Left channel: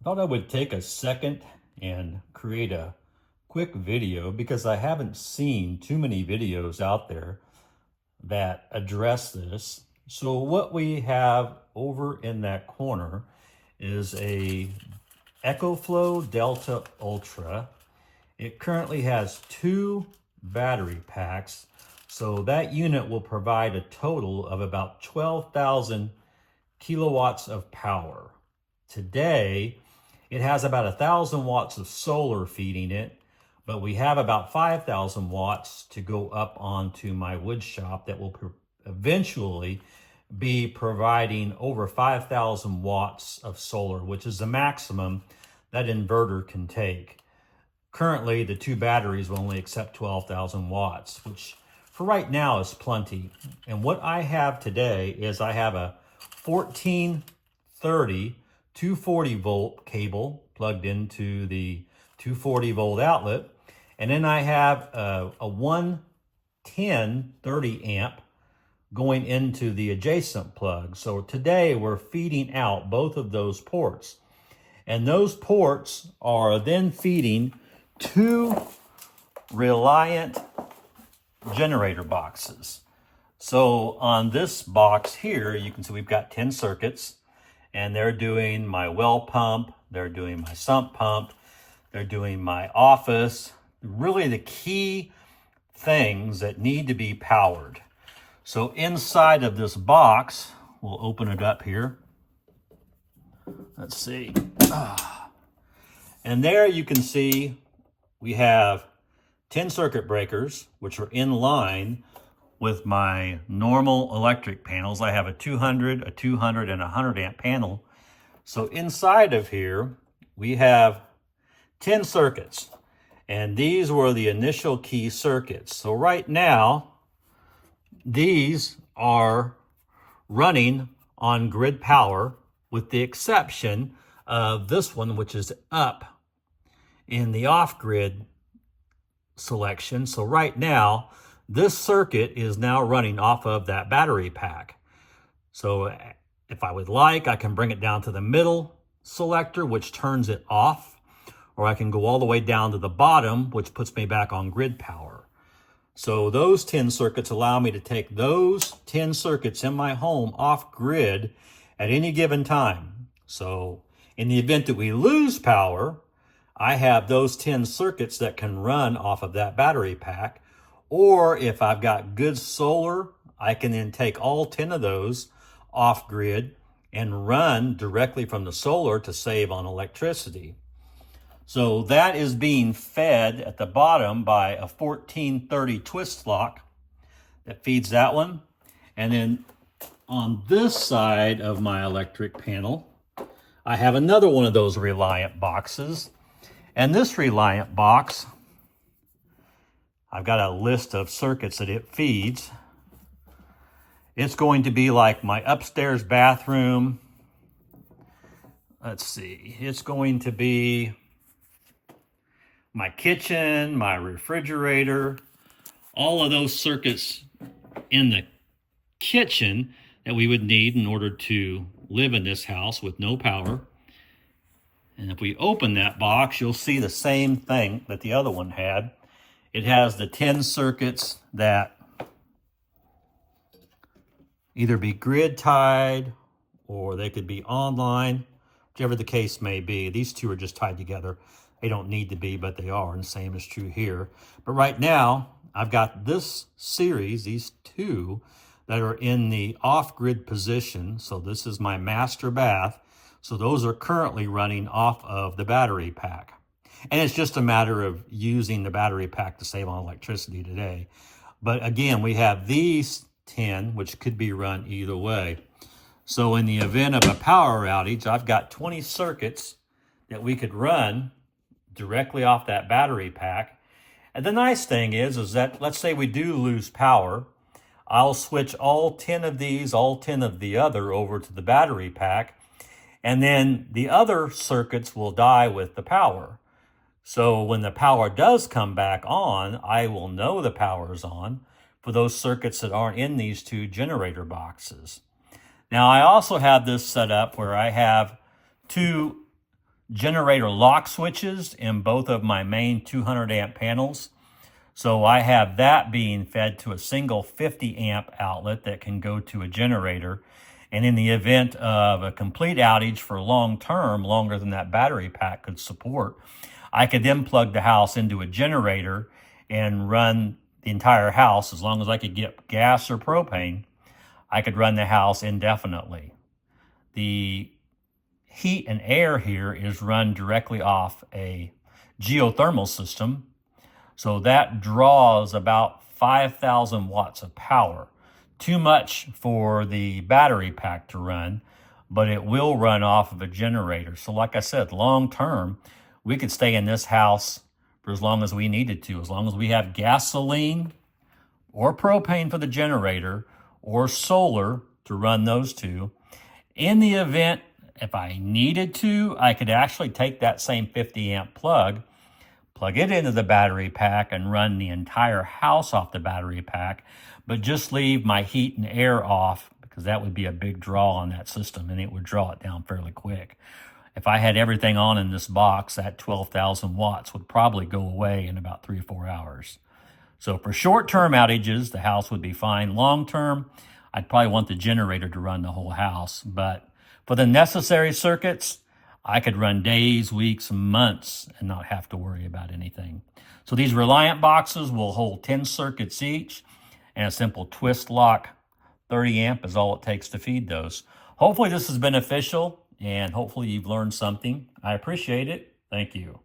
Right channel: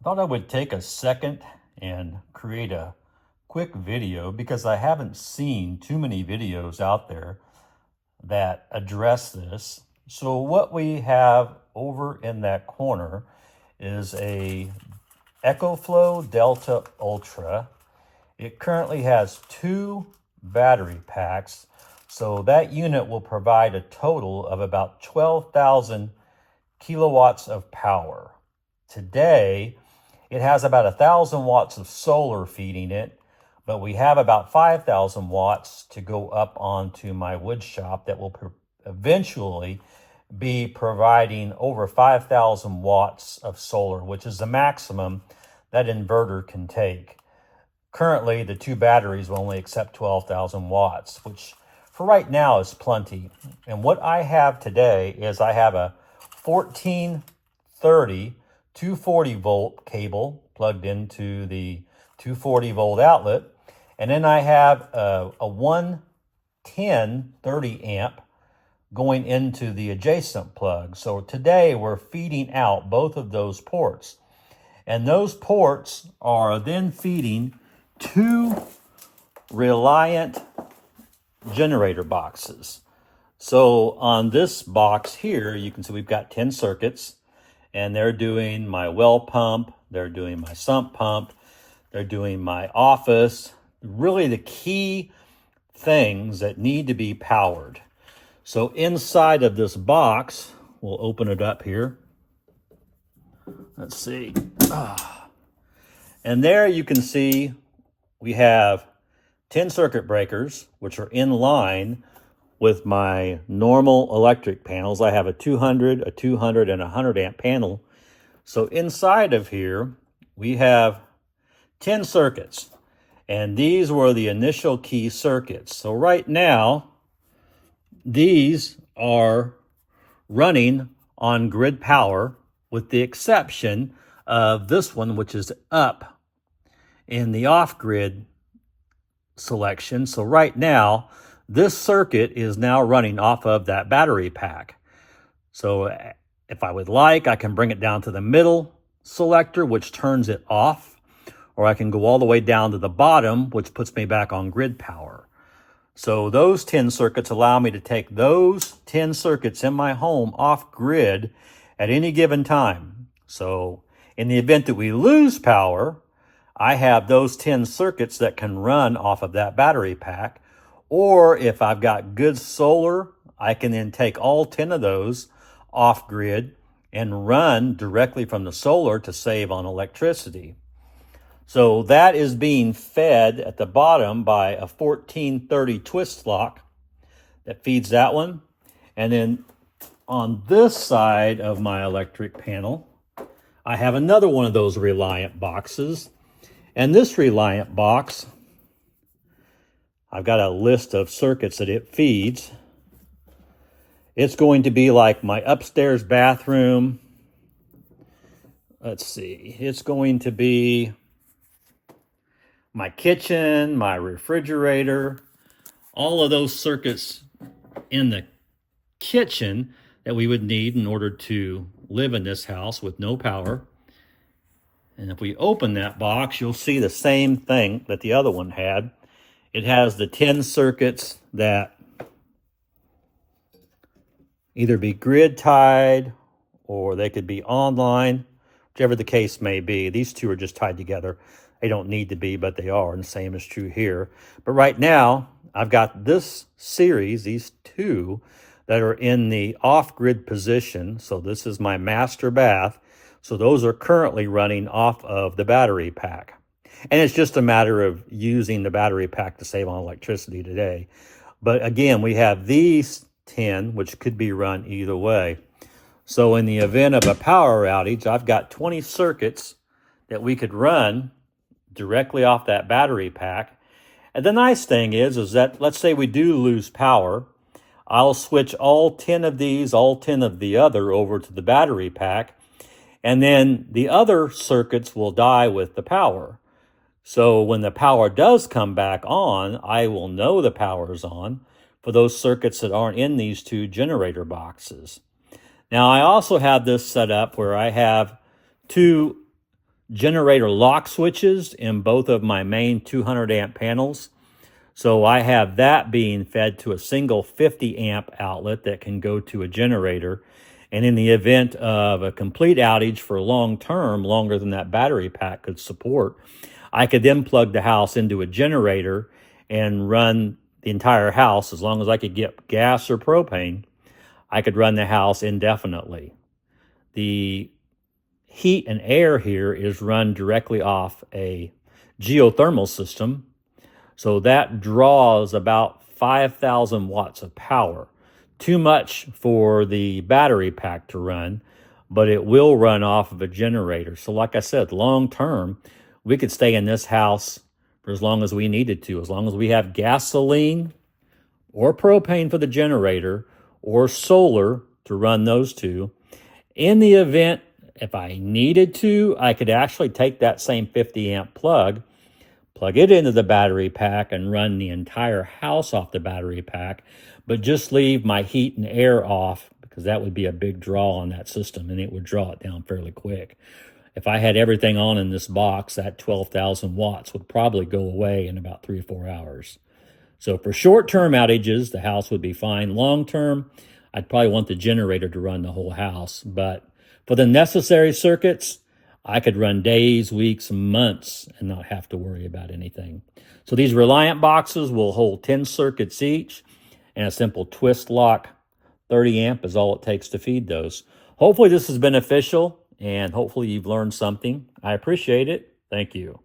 I thought I would take a second and create a quick video because I haven't seen too many videos out there that address this. So what we have over in that corner is a EcoFlow Delta Ultra. It currently has 2 battery packs, so that unit will provide a total of about 12,000 kilowatts of power. Today, it has about 1,000 watts of solar feeding it, but we have about 5,000 watts to go up onto my wood shop that will eventually be providing over 5,000 watts of solar, which is the maximum that inverter can take. Currently, the 2 batteries will only accept 12,000 watts, which for right now is plenty. And what I have today is I have a 1430 240 volt cable plugged into the 240 volt outlet. And then I have a 110 30 amp going into the adjacent plug. So today we're feeding out both of those ports. And those ports are then feeding 2 reliant generator boxes. So on this box here, you can see we've got 10 circuits, and they're doing my well pump, they're doing my sump pump, they're doing my office, really the key things that need to be powered. So inside of this box, we'll open it up here. Let's see. And there you can see we have 10 circuit breakers, which are in line with my normal electric panels. I have a 200, a 200, and a 100 amp panel. So inside of here, we have 10 circuits. And these were the initial key circuits. So right now, these are running on grid power, with the exception of this one, which is up in the off-grid selection. So right now, this circuit is now running off of that battery pack. So if I would like, I can bring it down to the middle selector, which turns it off, or I can go all the way down to the bottom, which puts me back on grid power. So those 10 circuits allow me to take those 10 circuits in my home off grid at any given time. So in the event that we lose power, I have those 10 circuits that can run off of that battery pack. Or if I've got good solar, I can then take all 10 of those off grid and run directly from the solar to save on electricity. So that is being fed at the bottom by a 1430 twist lock that feeds that one. And then on this side of my electric panel, I have another one of those Reliant boxes. And this Reliant box, I've got a list of circuits that it feeds. It's going to be like my upstairs bathroom. Let's see, it's going to be my kitchen, my refrigerator, all of those circuits in the kitchen that we would need in order to live in this house with no power. And if we open that box, you'll see the same thing that the other one had. It has the 10 circuits that either be grid tied or they could be online, whichever the case may be. These 2 are just tied together. They don't need to be, but they are, and the same is true here. But right now, I've got this series, these 2, that are in the off-grid position. So this is my master bath. So those are currently running off of the battery pack. And it's just a matter of using the battery pack to save on electricity today. But again, we have these 10, which could be run either way. So in the event of a power outage, I've got 20 circuits that we could run directly off that battery pack. And the nice thing is that let's say we do lose power, I'll switch all 10 of these, all 10 of the other over to the battery pack, and then the other circuits will die with the power. So when the power does come back on, I will know the power is on for those circuits that aren't in these 2 generator boxes. Now I also have this set up where I have 2 generator lock switches in both of my main 200 amp panels. So I have that being fed to a single 50 amp outlet that can go to a generator. And in the event of a complete outage for long term, longer than that battery pack could support, I could then plug the house into a generator and run the entire house. As long as I could get gas or propane, I could run the house indefinitely. The heat and air here is run directly off a geothermal system. So that draws about 5,000 watts of power. Too much for the battery pack to run, but it will run off of a generator. So like I said, long term, we could stay in this house for as long as we needed to, as long as we have gasoline or propane for the generator or solar to run those two. In the event, if I needed to, I could actually take that same 50 amp plug it into the battery pack and run the entire house off the battery pack, but just leave my heat and air off, because that would be a big draw on that system and it would draw it down fairly quick. If I had everything on in this box, that 12,000 watts would probably go away in about 3 or 4 hours. So for short-term outages, the house would be fine. Long-term, I'd probably want the generator to run the whole house. But for the necessary circuits, I could run days, weeks, months and not have to worry about anything. So these Reliant boxes will hold 10 circuits each, and a simple twist lock 30 amp is all it takes to feed those. Hopefully this is beneficial, and hopefully you've learned something. I appreciate it. Thank you.